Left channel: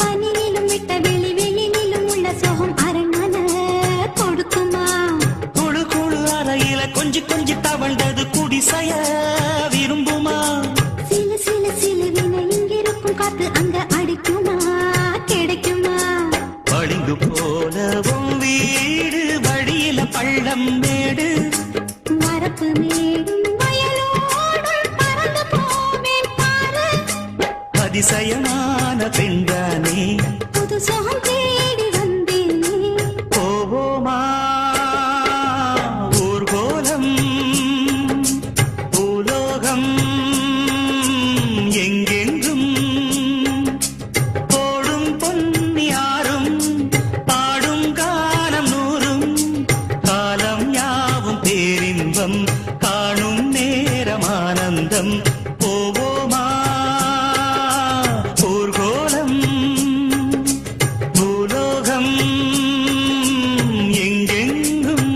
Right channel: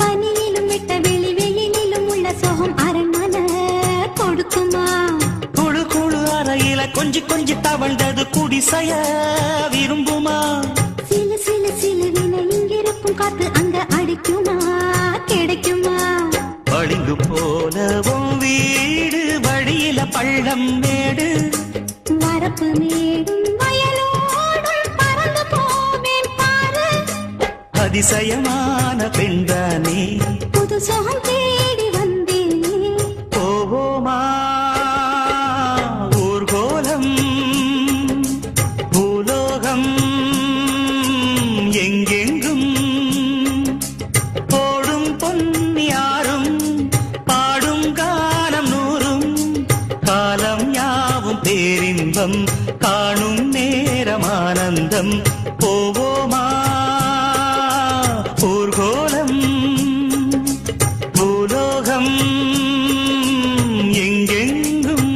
பனியிலும் விட்ட வெளி வெளியிலும் உள்ள சோகம் அரண்மனை கொடுக்குமா குழு குழு அறையில கொஞ்சி கொஞ்சி தவழ்ந்தது குடிசைய விரும்புமா சிலு சிலு சிலுவின இங்கிருக்கும் காற்று அங்க அடிக்குமா கிடைக்குமா வழிந்து போனவும் வீடு வழியில பள்ளம் மேடு வரப்பு மேடும் வயலோடு பறந்து போவேன் பாரு அதிசயமான பெண்தானே புது சோகம் தேடி வந்தேனே போவோமா ஊர்கோலம் பூலோகம் எங்கெங்கும் போடும் பொன்னியாரும் பாடும் காலம் நூறும் காலம் யாவும் பேரின்பம் காணும் நேரமானந்தம் போவோமா ஊர்கோலம் பூலோகம் எங்கெங்கும்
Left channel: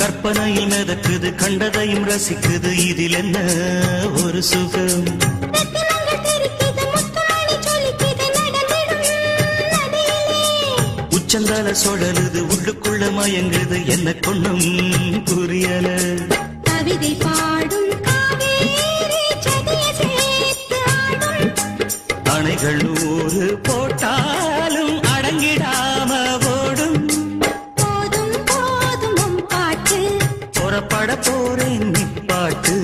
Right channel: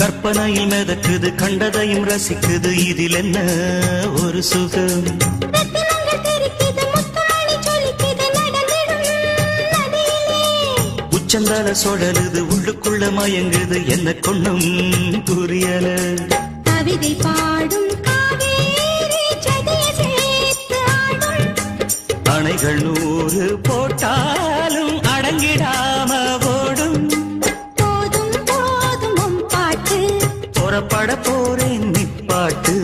கற்பனையும் மிதக்குது கண்டதையும் ரசிக்குது இதில் என்ன ஒரு சுகம் உச்சந்தால சுழலுது உள்ளுக்குள்ள மயங்குது என்ன கொண்ணும் புரியல கவிதை பாடும் அணைகள் 100 போட்டாலும் அடங்கிடாம ஓடும் போதும் போதும் பாட்டு புறப்பட போறேன் நிப்பாட்டு